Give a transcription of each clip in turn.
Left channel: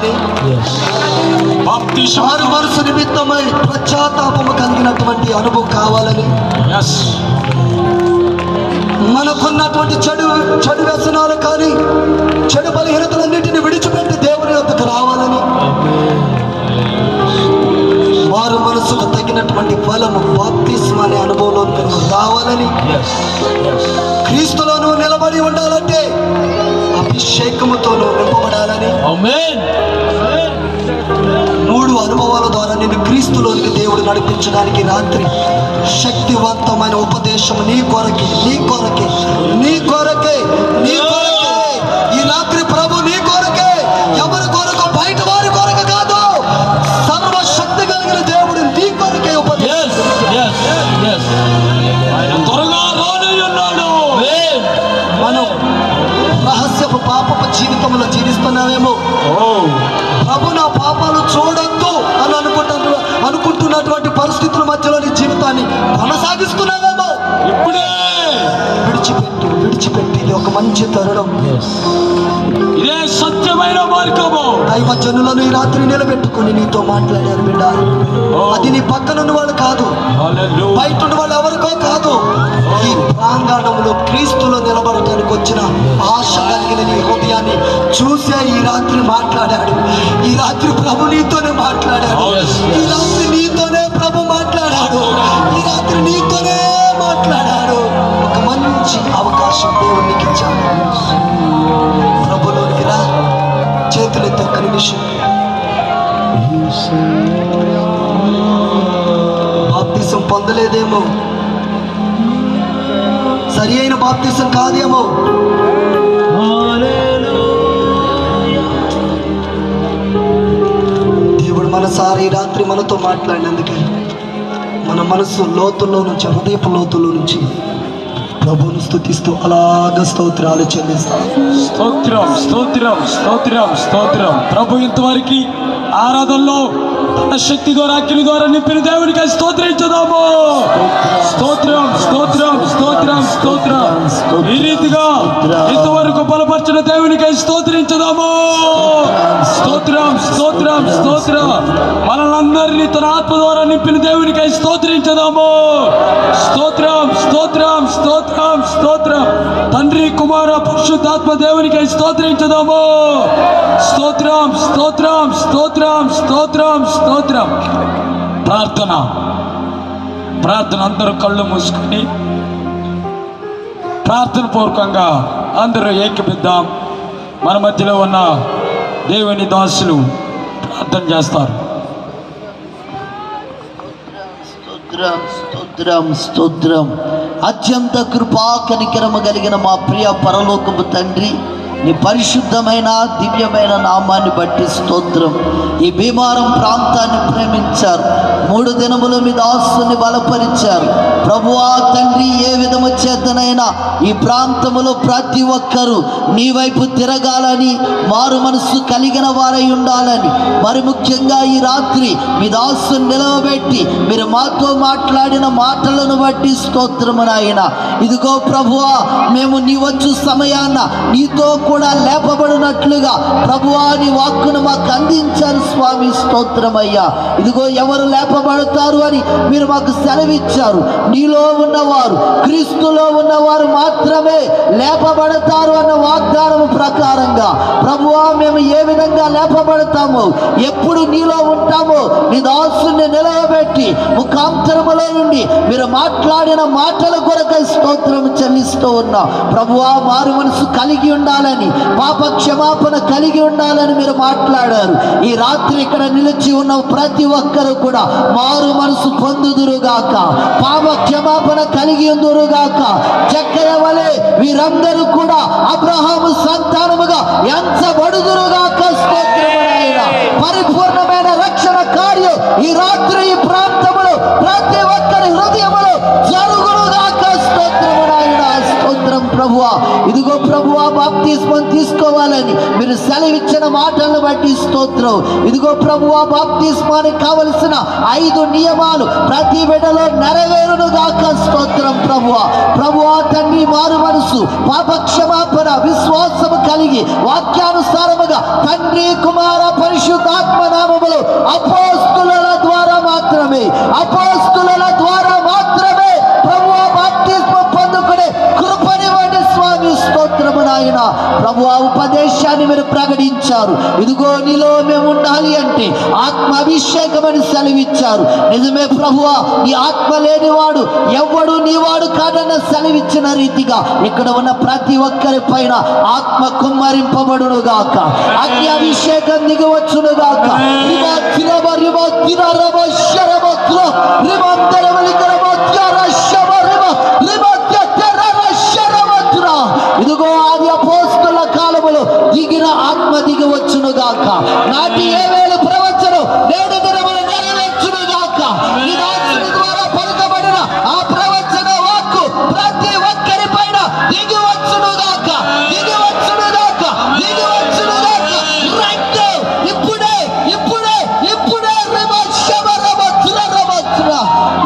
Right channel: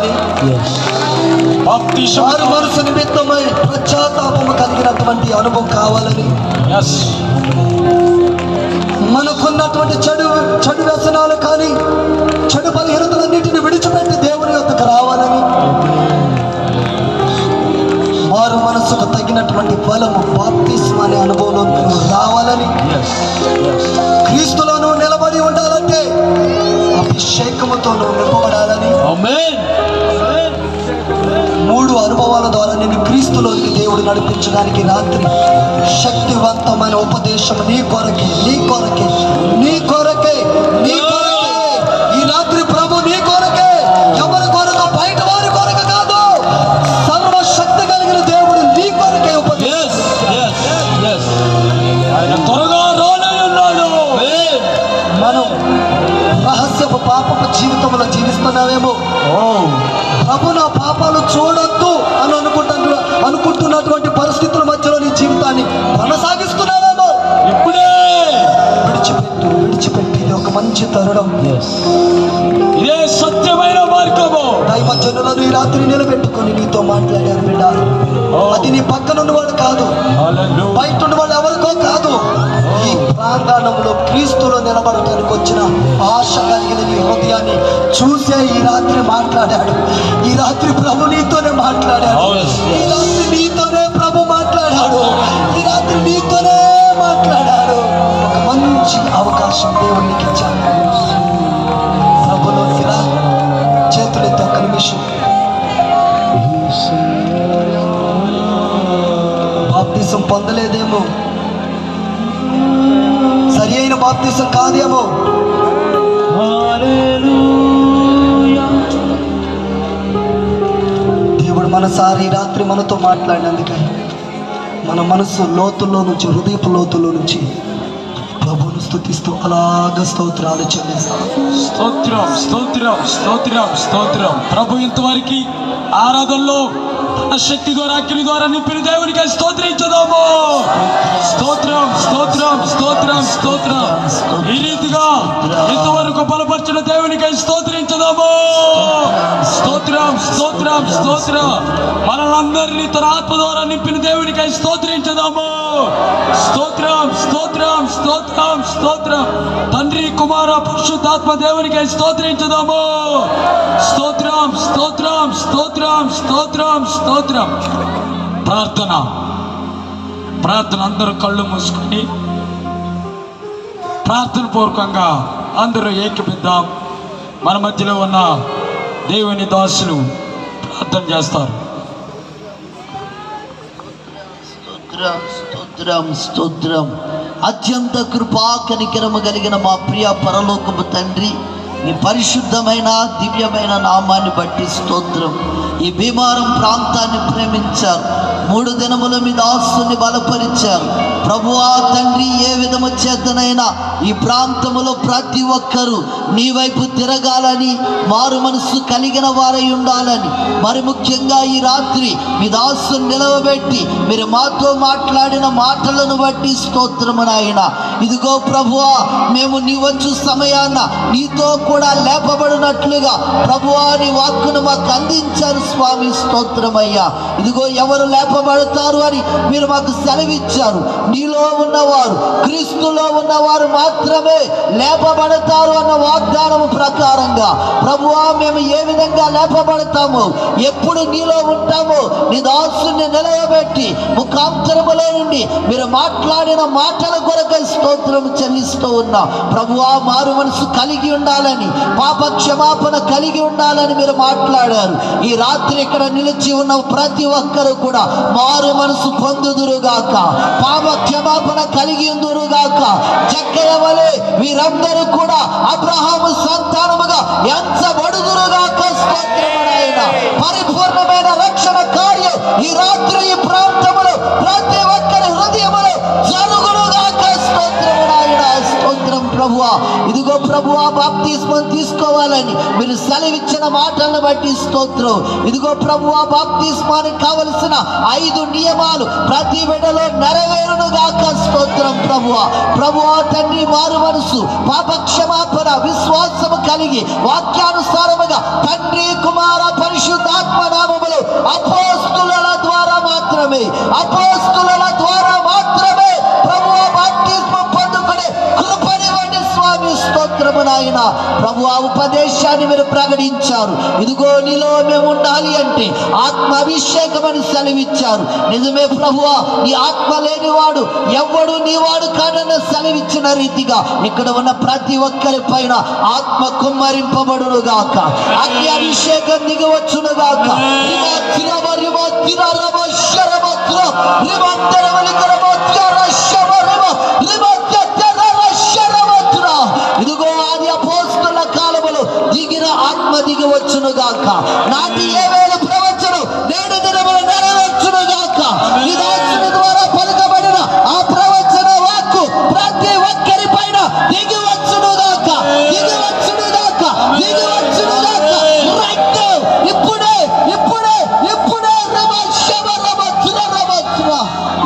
కావాలి. మారు మనసు నిమిత్తమై పశ్చాత్తాపము కలిగినటువంటి అనుభవం కావాలని, మనకున్నటువంటి చెడు వ్యసనాలు కానీ చెడు బలహీనతలన్నింటినీ విడిచిపెట్టి దేవుని యొద్దకు రావాలని, వారు మనసుకు తగినటువంటి ఫలము బాప్తిస్మం అనే అనుభవంలో రావాలని, క్రీస్తులో నువ్వు నిలబడి ఉండాలంటే అభిషేకముతో నువ్వు నిలబడాలని, మూడు అనుభవాల ద్వారా నిన్ను క్రీస్తులోనికి దేవుడు నడిపించడానికి రాత్రి శక్తివంతమైన ఉపదేశం నీ కొరకే నీ కొరకే నీ కొరకే నీ కొరకే ఈ రాత్రి ప్రభు నీ కొరకే, ఎవరి కొరకు బయట వారి కొరకు కాదు, సర్వశక్తి కలిగిన దేవుడు నీ కొరకే మనం రహస్యపు పాపపు జీవితంలో జీవిస్తున్నావేమో, ప్రభు నా పాపాలు చూడొద్దు అని అనుకుంటున్నటువంటి పరిస్థితుల మధ్యలో నీ జీవితాన్ని కొనసాగిస్తున్నావేమో, ఇప్పుడే విడిచిపెట్టి ఇది ఒక మంచి తరుణం. ఇదే సత్యమైన మార్గము. దైవజనులను ఈ రాత్రి నిలబెట్టుకొని నీతో మాట్లాడారు బిడ్డ. అది నీ పక్కన ఉన్నవాడు కాదు, బయట ఉన్నవాడు ఎవరికో కాదు, ఈ ప్రాంగణంలో క్రీస్తులో నిలబడటానికి వచ్చిన ఆశ కలిగిన నీ హృదయాన్ని చూసే ఈ రాత్రి మాట్లాడాడు. ఈ రాత్రి ప్రభు నీతోనే మాట్లాడాడు. ఈ రాత్రి నీతోనే ప్రభు మాట్లాడాడు. ఈ రాత్రి నీతోనే మాట్లాడాడు. ఒక మంచి అవకాశం దేవునికి ఇచ్చాడు. ప్రభులోనికి రా, చేతులతో ఒక నిమిషం. బాప్తిసం పొందలేదేమో, సరి అయిన బాప్తిసం కాదేమో, దేవుడు మనసారి రాత్రి మనతో మాట్లాడినందుకని మన మనసు లోతుల్లో నుంచి, హృదయపు లోతుల్లో నుంచి ప్రభువును స్తుతిస్తూ అలాగ స్తోత్రాలు చెల్లిస్తాం. స్తోత్రం స్తోత్రం స్తోత్రం స్తోత్రం. ప్రభు ఇంతవరకు ఆరాధనలో తన శక్తి ద్వారా అగ్ని ద్వారా నింపిన దేవునికి స్తోత్రించుదాము. స్తోత్రం స్తోత్రం స్తోత్రం స్తోత్రం. ఈ రీతిగా ఇంతవరకు బలపరిచిన దేవునికి స్తోత్రించుదాము. స్తోత్రం స్తోత్రం స్తోత్రం. మనందరినీ తన ఆత్మ ద్వారా నింపిన దేవునికి స్తోత్రించుదాము. స్తోత్రం స్తోత్రం స్తోత్రం స్తోత్రం. తండ్రి కుమార పరిశుద్ధాత్మ దేవునికి స్తోత్రించుదాము. స్తోత్రం స్తోత్రం స్తోత్రం స్తోత్రం స్తోత్రం. ప్రార్థన అందరూ కళ్ళు మూసుకొని ప్రార్థన పూర్వకంగా అందరూ ఏకీపిద్దాం. మన మధ్యలో ఉన్న దేవుని దాసులు ప్రార్థన చేస్తారు. స్తోత్రం స్తోత్రం. అత్యంత కృపా కనికరము కలిగిన మా ప్రియ పరలోకపు తండ్రి, నీ పరిశుద్ధమైన దివ్యమైన నామాన్ని బట్టి స్తోత్రం. ఈ భీమారం ప్రాంతాన్ని ప్రేమించారు, 3 దినముల మీద దాసుని బలపరిచారు. ప్రభువా తండ్రి, ఏ విధము చేతనైనా ఈ ప్రాంతములో ప్రతి ఒక్కరూ నీ వైపు తిరగాలని, మారు మనస్సు కలిగిన వారై ఉండాలని, మరి ముఖ్యంగా ఈ రాత్రి మీ దాసుని నిలవబెట్టి మీరు మాతో మాట్లాడిన మాటలను బట్టి స్తోత్రము నాయన. ఇదిగో ప్రభువా, మేము నీ వచ్చు సమయాన్న నీతో కూడా లేపబడినట్లుగా ప్రభువా నీ వాక్కును మాకు అందించారు స్వామి. స్తోత్రమయ్యా. ఇదిగో ఎవరు లేపబడతారు అని మీరు మాకు సెలవిచ్చారు. నీలో ఉన్నవారు, క్రీస్తులో ఉన్నవారు మాత్రమే లేపబడతారు అన్న వాగ్దానము ప్రకారంగా ప్రభువా మేము ఏ విధంగా లేపబడతాము, ఎప్పుడు నీలో ఉంటామో నీ దాసుని నిలవబెట్టి ముఖాంతరములో నుండి మీరు మాట్లాడిన మాటల కొరకై స్తోత్రం చెల్లిస్తూ ఉన్నాం. ప్రభువా మారు మనసు కలిగి ఉండాలని, పాప క్షమాపణ కలిగి ఉండాలని మీరు మాట్లాడారు. ఈ రాత్రి ఇక్కడ నిలిచి ఉన్న ప్రతి ఒక్కరూ కూడా మారు మనసు పొందుదురుగాక, పాప క్షమాపణ కలిగి ఉందురుగాక. చక్కని వలె వీరందరూ కూడా అబ్రహాము సంతానముగా ఎంచబడుదురుగాక. స్తోత్రమునైనా పరిపూర్ణమైన రక్షణ కార్యం ఈ రాత్రి ఈ ప్రాంతంలో ప్రతి ఒక్కరి హృదయములో జరుగునుగాక. స్తోత్రమునైనా స్తోత్రం ప్రభువా. ఇదిగో ప్రభువా, బాప్తిస్మం తీసుకోవాలని మీరు సెలవిచ్చిన మాటలను బట్టి స్తోత్రం. ఇదిగో ప్రభువా, బాప్తిస్మానికి కావలసిన 5 నియమాలు ప్రతి బిడ్డలో నెరవేరునుగాక. స్తోత్రం ప్రభువా. ప్రభువా తండ్రి, మారు మనసు, పాప క్షమాపణ, విశ్వాసము కలిగి వాక్యానుసారముగా తండ్రి కుమార పరిశుద్ధాత్మ నామములో అపోస్తుల ద్వారా మాత్రమే ప్రభువా బాప్తిస్మం పొందుకునే కృపనివ్వండి స్వామి. స్తోత్రము నాయన. ప్రభు ఆ ఉపదేశాన్ని మీరు ప్రకటించారు. ఇదిగో నీలో మేము ఉండాలి అంటే ఆత్మ అభిషేకం అని సెలవిచ్చారు. నిజమే ప్రభువా, నీ ఆత్మ లేనివాడు ఎవడు నీవాడు కాదన్న సెలవిచ్చిన రీతిగా ఇక్కడ ఉన్న ప్రతి ఒక్కరి పైన ఆత్మ కుమ్మరింపబడును గాక, అగ్ని అభిషేకం దిగవచ్చును గాక. ఇదిగో ఆది అపోస్తల కాలములో దిగిన ఆత్మ దిగవచ్చును గాక. నాటి ఏ వేళ ప్రవచనం నేడు దినములు నెరవేర్చును గాక. ఈ దాసుని ద్వారా పలుకబడిన ఆ ప్రవచన వాక్కు ప్రతి ఒక్కరి పైన దిగివచ్చును గాక.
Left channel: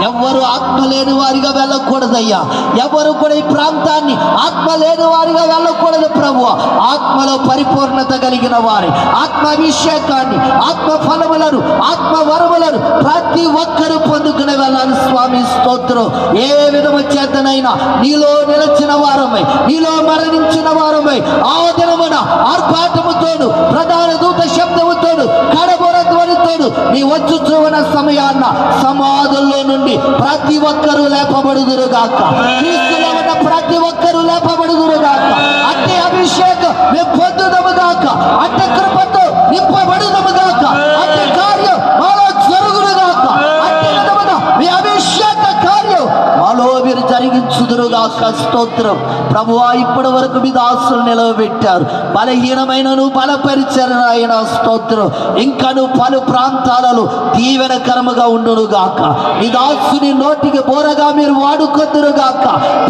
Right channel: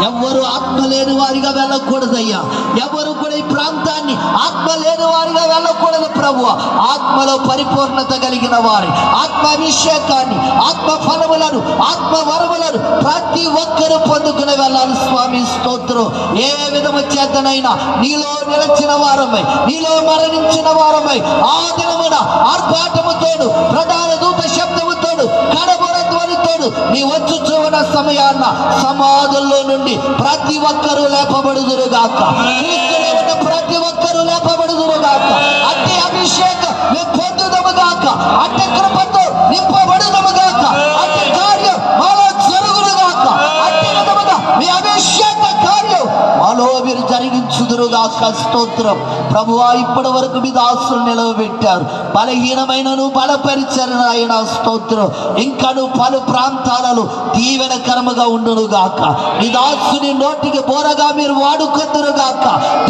ఎవ్వరు ఆత్మ లేని వారిగా వెళ్ళకూడదయ్యా. ఎవరు కూడా ఈ ప్రాంతాన్ని ఆత్మ లేని వారిగా వెళ్ళకూడదు ప్రభువా. ఆత్మలో పరిపూర్ణత కలిగిన వారి ఆత్మాభిషేకాన్ని, ఆత్మ ఫలములను, ఆత్మ వరములను ప్రతి ఒక్కరూ పొందుకుని వెళ్ళాలి స్వామి. స్తోత్రం. ఏ విధము చేతనైనా నీలో నిలచిన వారమై, నీలో మరణించిన వారమై ఆ దినమున ఆర్భాటముతోడు, ప్రధాన దూత శబ్దముతోడు, కడబొర ధ్వనితోడు నీ వచ్చుచున్న సమయాన్న సమాధుల్లో నుండి ప్రతి ఒక్కరూ లేపబడుదురుగాక. క్రీస్తులో ఉన్న ప్రతి ఒక్కరూ లేపబడుదురుగాక. అట్టి అభిషేకం మేము పొందుదముగాక. అట్టి కృపతో నింపబడుదముగాక. అట్టి కార్యం మాలో జరుగునుగాక. అట్టి విధముగా మీ అభిషేక కార్యం మాలో మీరు జరిగించుదురుగాక. స్తోత్రం ప్రభువా. ఇప్పటి వరకు మీ దాసులు నిలవబెట్టారు. బలహీనమైనను బలపరిచారు ఆయన. స్తోత్రం. ఇంకను పలు ప్రాంతాలలో దీవెనకరముగా ఉండునుగాక. నీ దాసుని నోటికి బోరగా మీరు వాడుకొద్దురుగాక.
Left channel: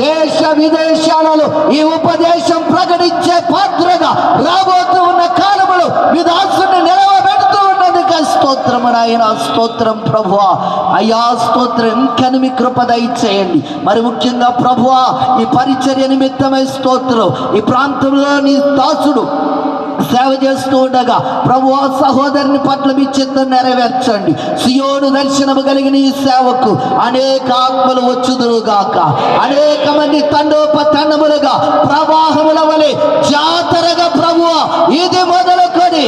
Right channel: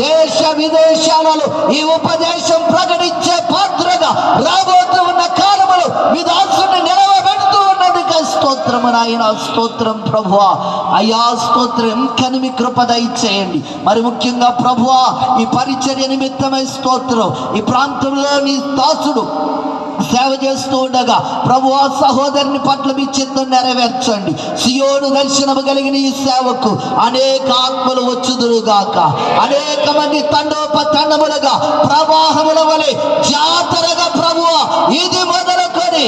దేశ విదేశాలలో ఈ ఉపదేశం ప్రకటించే పాత్రగా రాబోతూ ఉన్న కాలములో మీ దాసుని నిలవబెడుతూ ఉన్నందుకు స్తోత్రము నాయన. స్తోత్రం ప్రభువా. అయ్యా స్తోత్రం. ఇంకను మీ కృప దయచేయండి. మరి ముఖ్యంగా ప్రభువా ఈ పరిచర్య నిమిత్తమై స్తోత్రం. ఈ ప్రాంతంలో నీ దాసుడు సేవ చేస్తూ ఉండగా ప్రభువా సహోదరుని పట్ల మీ చిత్తం నెరవేర్చండి. సియోను దర్శనము కలిగిన ఈ సేవకు అనేక ఆత్మలు వచ్చుదురుగాక. అనేక మంది తండోపతండములుగా ప్రవాహముల వలె జాతరగా ప్రభువా ఇది మొదలుకొని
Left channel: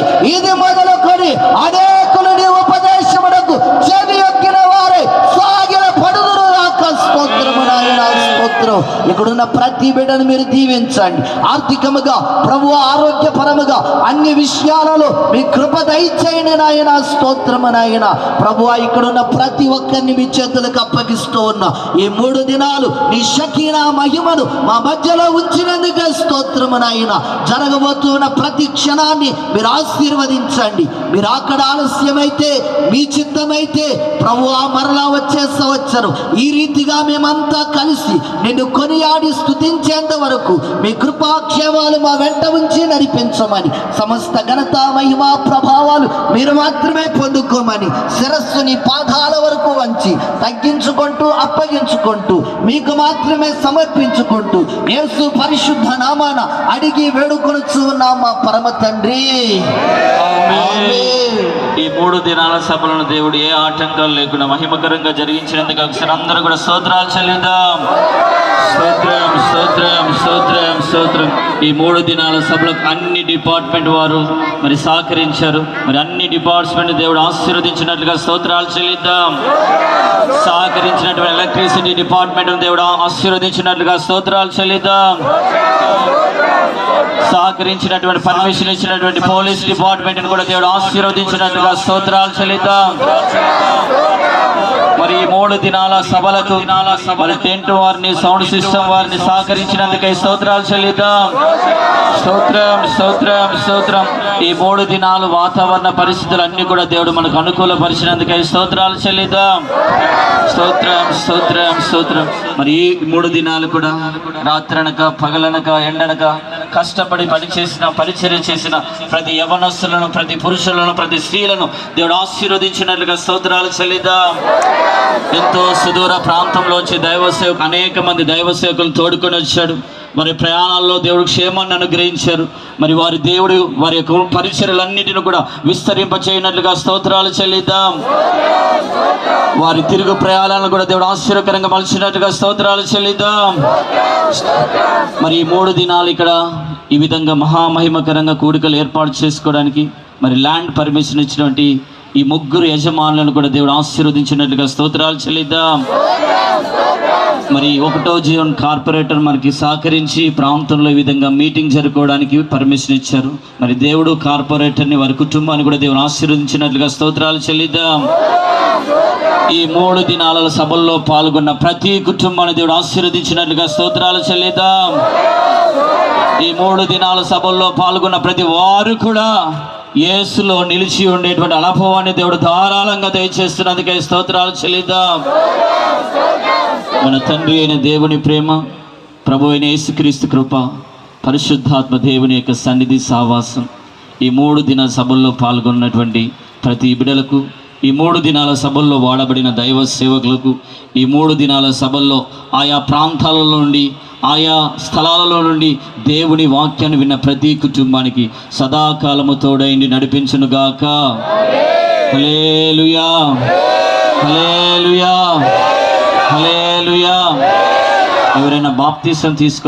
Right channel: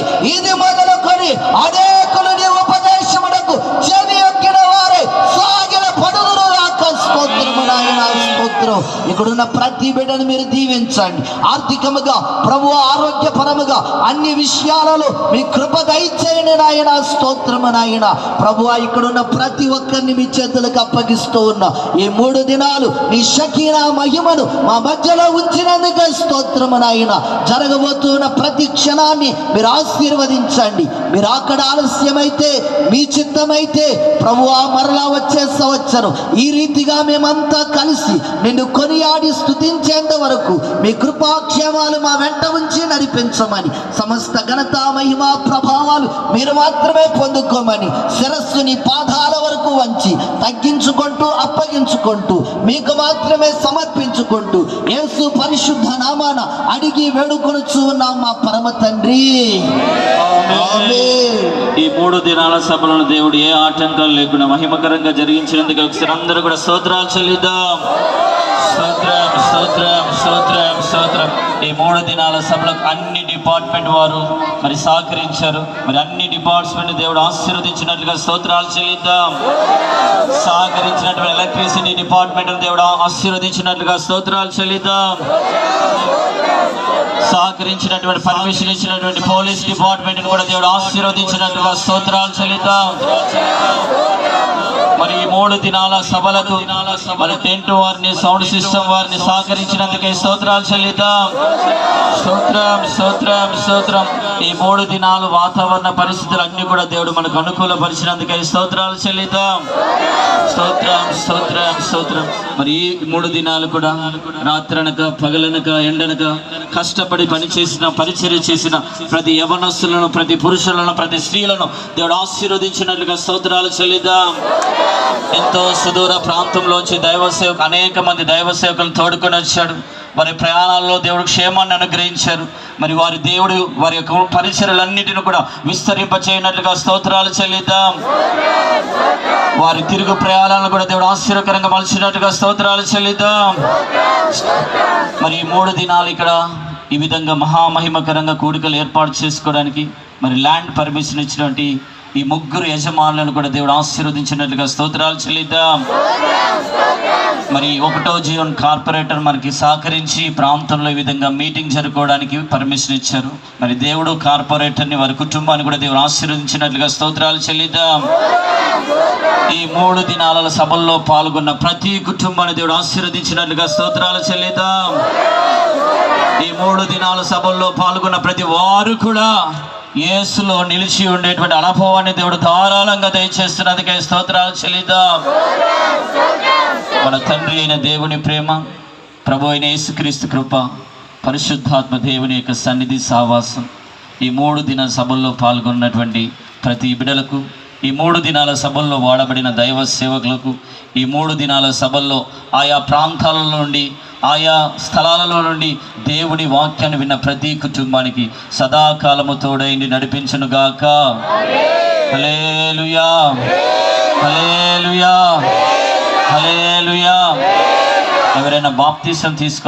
అనేకులు నీ ఉపదేశమునకు చెవి యొక్కిన వారే సాగిన పడుదురుగాక. స్తోత్రము నాయన. స్తోత్రం. ఇక్కడున్న ప్రతి బిడ్డను మీరు దీవించండి. ఆర్థికముగా ప్రభువా, ఆరోగ్యపరముగా అన్ని విషయాలలో మీ కృప దయచేయని నాయన. స్తోత్రము నాయన. ప్రభువా ఇక్కడున్న ప్రతి ఒక్కరిని మీ చేతులకు అప్పగిస్తూ ఉన్నా. ఈ 3 దినాలు మీ షకీనా మహిమను మా మధ్యలో ఉంచినందుకు స్తోత్రము నాయన. జరగబోతున్న ప్రతి క్షణాన్ని మీరు ఆశీర్వదించండి. మీరు అక్కడ ఆలస్యమైతే, మీ చిత్తమైతే ప్రభువా మరలా వచ్చే సంవత్సరం ఈ రీతిగా మేమంతా కలిసి నిన్ను కొనియాడి స్తుతించేంత వరకు మీ కృపాక్షేమాలు మా వెంట ఉంచి నడిపించమని, సమస్త ఘనత మహిమ ప్రభావాలు మీరు మాత్రమే పొందుకోమని శిరస్సుని పాదాల వరకు వంచి తగ్గించుకుంటూ అప్పగించుకుంటూ మీకు మాత్రమే సమర్పించుకుంటూ యేసు పరిశుద్ధ నామాన అడిగి వేడుకొనుచు ఉన్నాం మా పరమ తండ్రి. ఆమేన్. ఈ 3 దినాల సభలను దేవుడు ఏ ఆటంకాలు లేకుండా మహిమకరంగా జరిగించినందుకు ఒకసారి అందరూ కూడా స్తోత్రాలు చెల్లిద్దాం. స్తోత్రం, స్తోత్రం, స్తోత్రం, స్తోత్రం. ఈ 3 దినాల సభలకు అన్ని డిపార్ట్మెంట్ వారు మరి సహకరించారు. మరి అన్ని డిపార్ట్మెంట్ దేవుడు ఆశీర్వదించినట్లుగా స్తోత్రాలు చెల్లిద్దాం. సహకరించినటువంటి ఎలక్ట్రిసిటీ డిపార్ట్మెంట్ దేవుడు ఆశీర్వదించినట్లుగా స్తోత్రాలు చెల్లిద్దాం. సహకరించినటువంటి పర్మిషన్ ఇచ్చినటువంటి పోలీస్ డిపార్ట్మెంట్ కూడా దేవుడు ఆశీర్వదించినట్టుగా స్తోత్రాలు చెల్లిద్దాం. మరి ఈ 3 దినాల సభలకు మరి టెంట్ వారిని, సౌండ్ సిస్టమ్ వారిని సహకరించినందుకై స్తోత్రాలు చెల్లిద్దాం. స్తోత్రం, స్తోత్రం, స్తోత్రం. ఈ 3 దినాలు వాతావరణ పరిస్థితులు అన్ని కూడా దేవుడు మనకు అనుకూలపరిచినందుకై స్తోత్రాలు చెల్లిద్దాం. స్తోత్రం, స్తోత్రం, స్తోత్రం. మరి ఈ 3 దినాలు కూడా రాత్రనక పగలనక ఎండనక కష్టపడి పరిచర్య చేసిన ప్రతి యవనస్తులను, ప్రతి పురుషులను, ప్రతి స్త్రీలను దేవుడు ఆశీర్వదించినట్లుగా స్తోత్రాలు చెల్లిద్దాం. ఎంతో సుదూర ప్రాంతంలో వచ్చే అనేక మంది దైవ సేవకులు తోడుకొని వచ్చాడు. వారి ప్రయాణాల్లో దేవుడు క్షేమాన్ని అనుగ్రహించారు. మరి వారి దేవుడు వారి యొక్క పరిచర్యలన్నిటిని కూడా విస్తరింపచేయనట్లుగా స్తోత్రాలు చెల్లిద్దాం. వారి తిరుగు ప్రయాణాలను కూడా దేవుడు ఆశ్చర్యకరంగా మలిచినట్టుగా స్తోత్రాలు చెల్లిద్దాం. మరి 3 దినాలు ఇక్కడ ఈ విధంగా మహామహిమకరంగా కూడికలు ఏర్పాటు చేసుకోవడానికి మరి ల్యాండ్ పర్మిషన్ ఇచ్చినటువంటి ఈ 3 యజమానులను కూడా దేవుడు ఆశీర్వదించినట్లుగా స్తోత్రాలు చెల్లిద్దాం. మరి 1వ జీవన్ కార్పొరేటర్ మనకి సహకరించి ప్రాంతంలో ఈ విధంగా మీటింగ్ జరుపుకోవడానికి పర్మిషన్ ఇచ్చారు. మరి దేవుడు కార్పొరేటర్ని వారి కుటుంబాన్ని కూడా దేవుడు ఆశీర్వదించినట్లుగా స్తోత్రాలు చెల్లిద్దాం. ఈ 3 దినాల సభల్లో పాల్గొన్న ప్రతి కుటుంబాన్ని దేవుడు ఆశీర్వదించినట్లుగా స్తోత్రాలు చెల్లిద్దాం. ఈ 3 దినాల సభల్లో పాల్గొన్న ప్రతి వారు కూడా యేసులో నిలిచి ఉండేటువంటి అనుభవాన్ని దేవుడు ధారాళంగా దయచేస్తున్నందుకే స్తోత్రాలు చెల్లిద్దాం. మన తండ్రి అయిన దేవుని ప్రేమ, ప్రభు అయిన యేసుక్రీస్తు కృప, పరిశుద్ధాత్మ దేవుని యొక్క సన్నిధి సావాసం ఈ 3 దినాల సభల్లో పాల్గొన్నటువంటి ప్రతి బిడ్డలకు, ఈ 3 దినాల సభల్లో వాడబడిన దైవ సేవకులకు, ఈ 3 దినాల సభల్లో ఆయా ప్రాంతాలలో నుండి ఆయా స్థలాలలో నుండి దేవుని వాక్యాన్ని విన్న ప్రతి కుటుంబానికి సదాకాలము తోడైండి నడిపించునుగాక. హల్లెలూయా, హల్లెలూయా, హల్లెలూయా. ఎవరైనా బాప్తిసం తీసుకో